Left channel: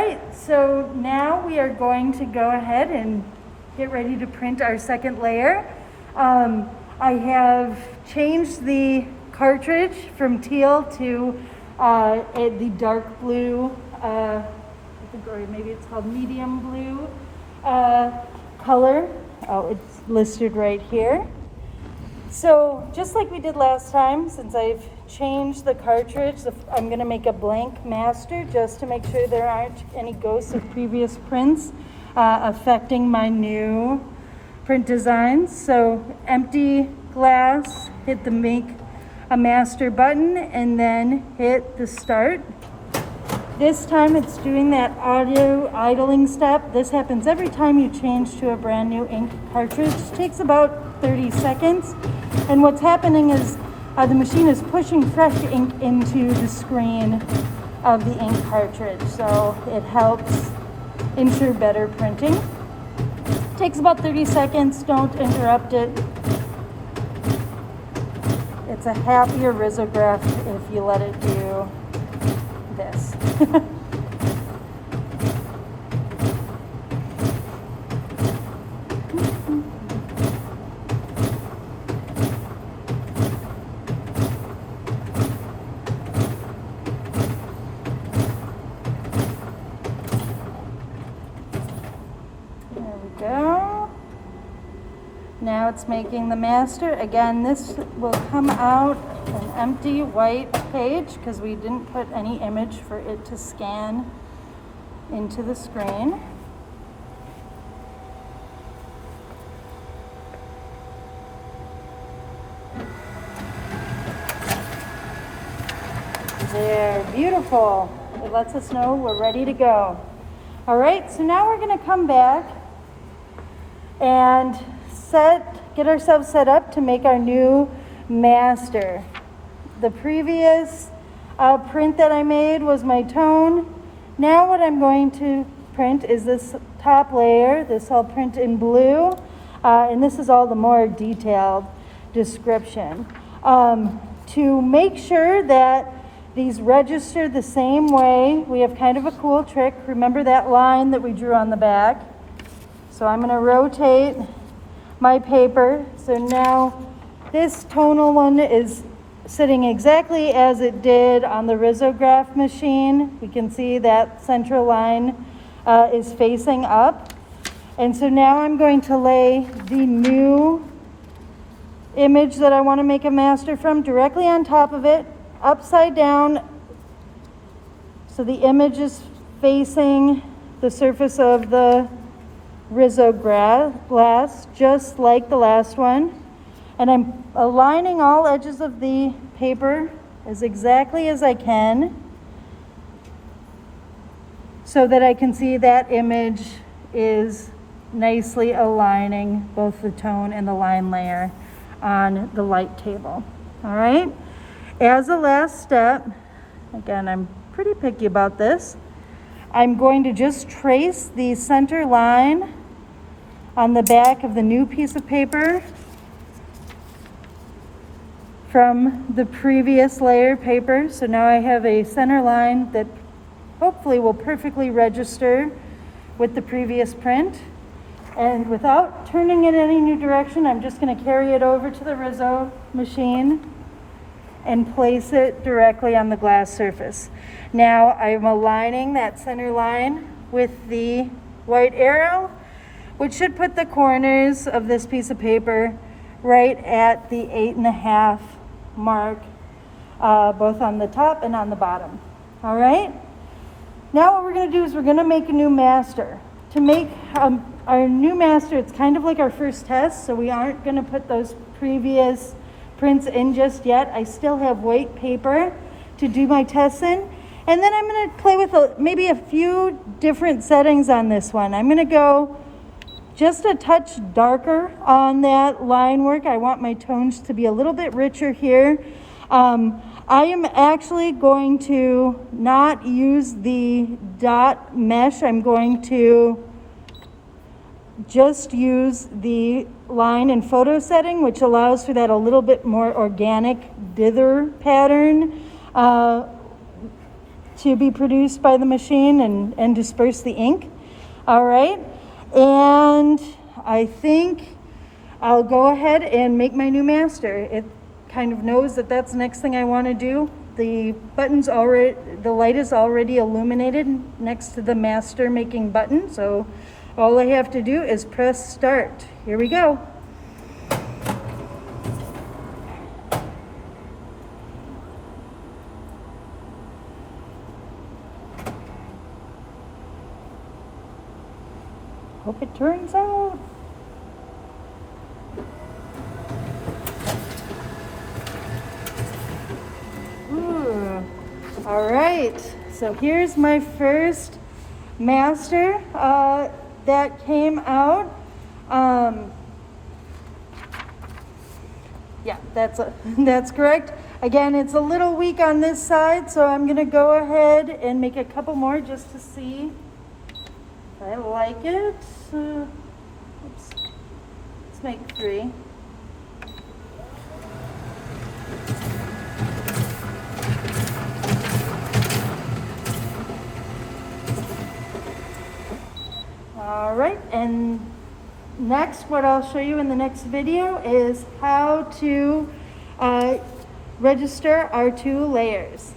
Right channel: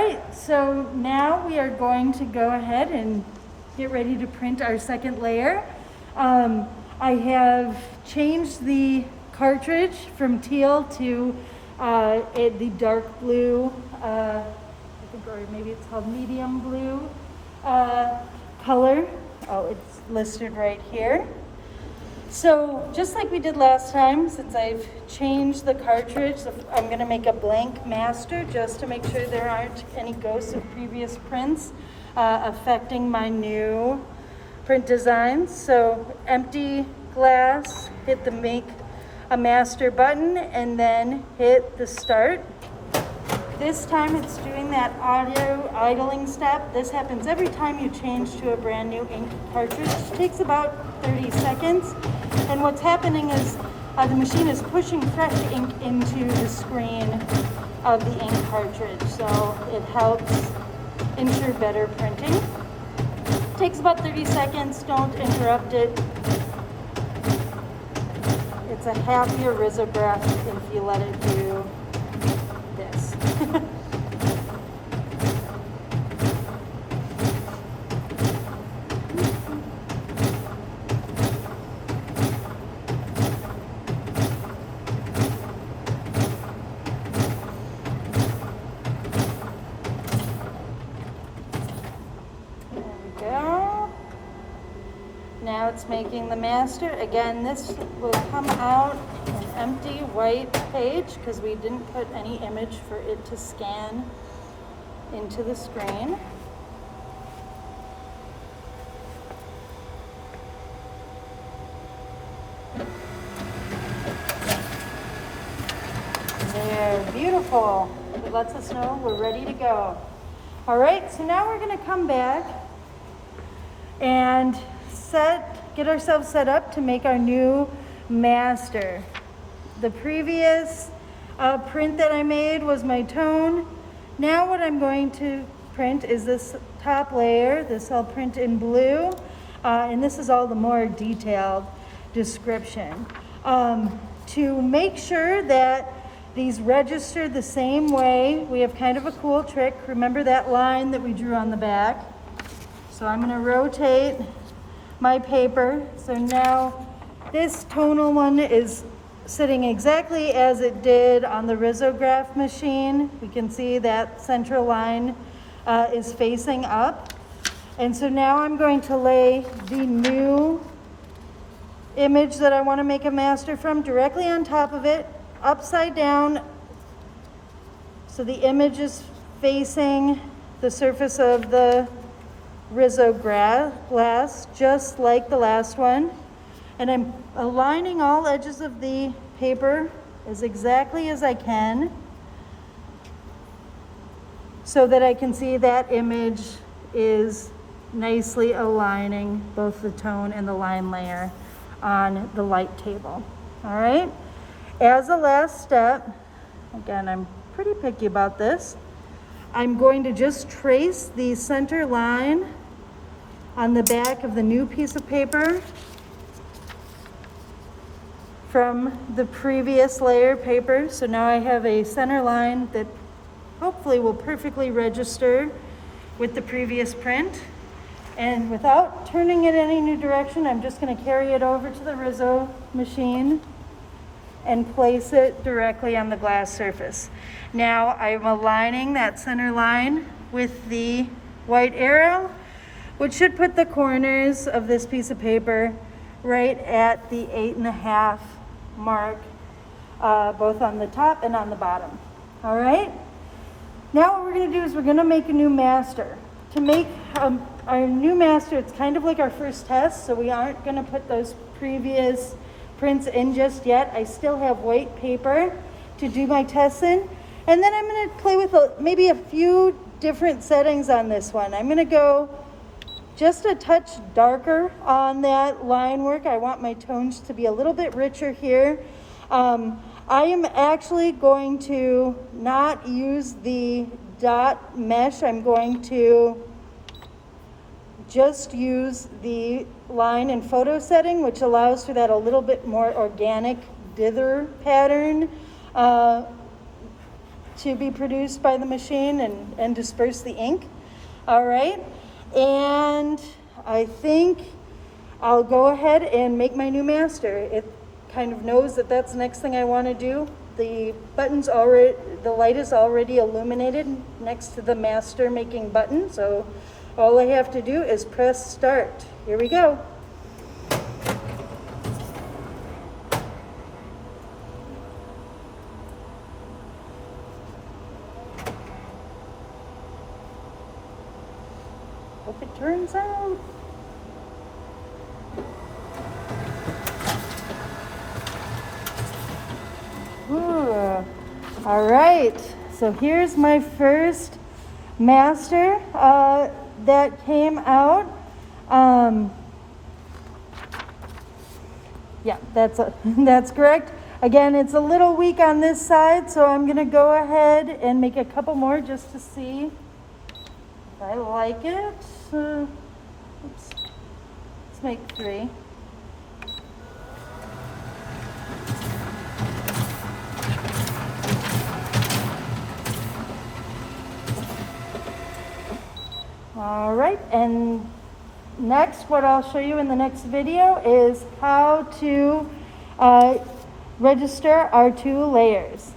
right, so now we are going to go ahead and get ready to print our second layer. I have changed the cartridge from teal to the dark blue, or maybe it's called medium blue color. Oh, it's listed right here. So just like we did last time, since I've changed the cartridge, I'm going to make a blank master just to make sure there aren't any ghosts of previous prints affecting my new print designs. So empty glass, hit the make a master button, and then hit the start. This time it's doing that audio idling step. This happens every time you change to a brand new ink cartridge. It takes about 30 seconds. And what's happening is the machine is pushing fresh ink into the screen of the ink cartridge. So it helps ensure better printing. It takes about 30 seconds, don't interrupt it. It's a happier risograph if you let it do this. Now it's making the master. Again, this will come out an empty white page because we didn't put any image for it to scan into the screen. Yeah, beautiful. It lets us know we're ready to go. All right, so now we're going to come back and get ourselves set up to make our new master. The previous print that I made was my tone. Now what I'm going to print is this top layer. This I'll print in blue, and this is all the more detailed description. To make sure that these register the same way, we have kind of a cool trick. Remember that line that we drew on the back? So I'm going to rotate my paper. So now this tonal one is sitting exactly as it did on the Risograph machine. We can see that central line is facing up. And so now I'm going to lay the new image that I want to make a master from directly on top of it, upside down, so the image is facing the surface of the Risograph, just like the last one. And I'm aligning all edges of the paper as exactly as I can so that I can see that image is nicely aligning both the tone and the line layer on the light table. All right, as a last step, again, I'm pretty picky about this, I'm going to just trace the center line on the back of the new piece of paper from the previous layer paper. So now I have a center line that hopefully will perfectly register with the previous print. And without turning it any new direction, I'm just going to carry it over to the Riso machine and place it directly on the glass surface. Now I'm aligning that center line with the white arrow, which should put the corners of this piece of paper right at the 8.5 mark, both on the top and on the bottom. All right? Now what we're going to do is we're going to make a new master. To make our new master, it's kind of like our first test, so we aren't going to put those previous prints in just yet. I still have white paper to do my tests in. And then I'm going to play with maybe a few different settings on this one. I'm going to go just a touch darker on that line work. I want my tones to be a little bit richer here. I am actually going to not use the dot mesh. I'm going to just use the line and photo setting, which allows for that a little bit more organic dither pattern to be produced by the machine and disperse the ink. All right, and I think I'll go ahead and make my new master. It kind of knows that that's the next thing I want to do. The light is already illuminated next to the master making button, so all I have to do is press start. Here we go. Hope it turns out. Ooh. All right, so here's my first master that came out. Yeah, that's correct. Again, it's a little weak on this side, so I'm gonna go ahead and make a couple more just to see if I like it. Oops. Let's make 3. All right, and next, what I'll show you in the next video is how to register our 2 layers.